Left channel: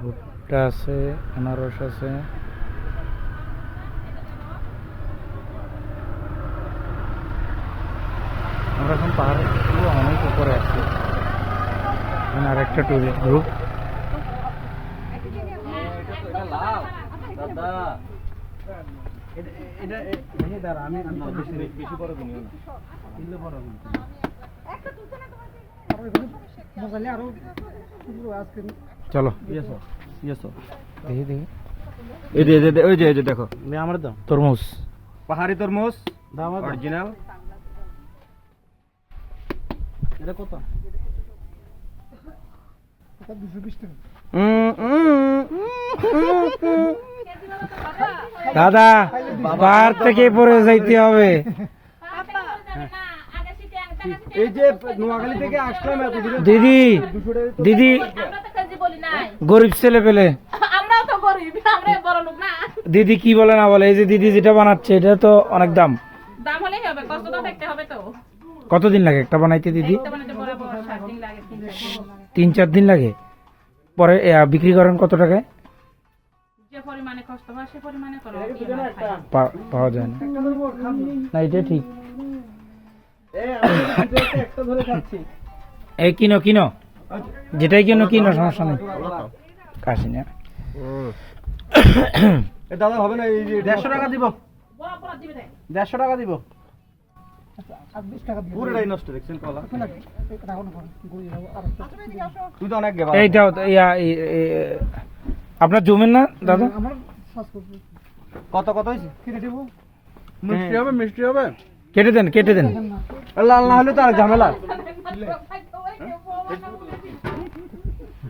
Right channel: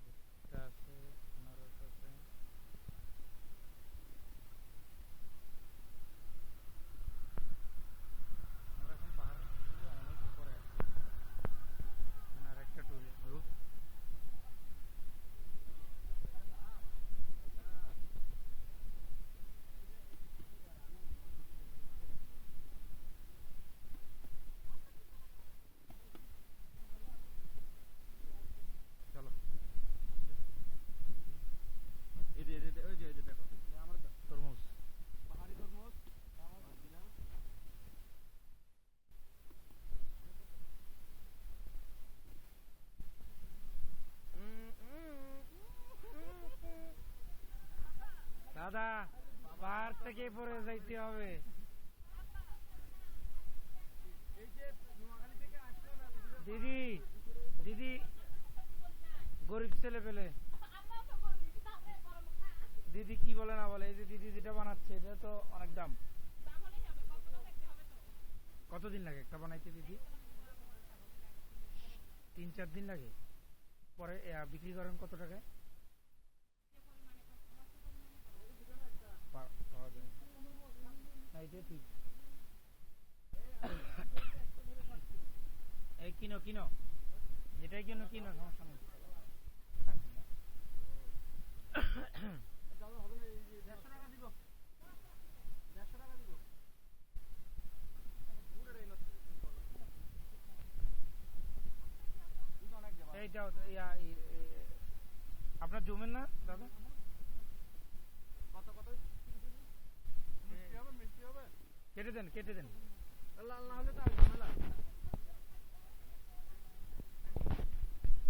ভুট্টা আছে, আনারস আছে, আমরা এখন পাহাড়ের অনেক উপরে আছি। আর একটা টুরিস্ট গ্রুপ। চলো দেখি দেখি, ওই যে দেখো আমার দাও তরমুজ, পাহাড়ি তরমুজ অরিজিনাল। এটা কত? দাদা পাহাড় থেকে পড়ে যাইতে হবে। এই যে নোয়াখালী থেকে আসলাম দিদি দিদি গরিব ছেলে পেলে দিদি কি বলে না বলে, এই যে দিদি যেটা বানাচ্ছে এটা তো অনেক দাম। কতদিন লাগে একটা বানাইতে দিদি? 3-4 দিন লাগে। পরে বিক্রি করেন কত টাকায়? পাওয়া যায় না, না এটা ঠিক। এই কিনো কিনো, যেটাই কিনো কিনো, সমস্যা নেই। কাশি না দাদা হবে না, এই যে 150 টাকা দিব, 150 টাকা দিব। পুরোটাই নষ্ট দেখছেন কলা। তুই তো অনেক গেবা। এইটাও আপনার জমেন না দাদা? কত কত হয়েছে? মিষ্টি হবে, মিষ্টি হবে। কেটে দেন কেটে দেন। লাল না হলে তো আর ঝামেলা।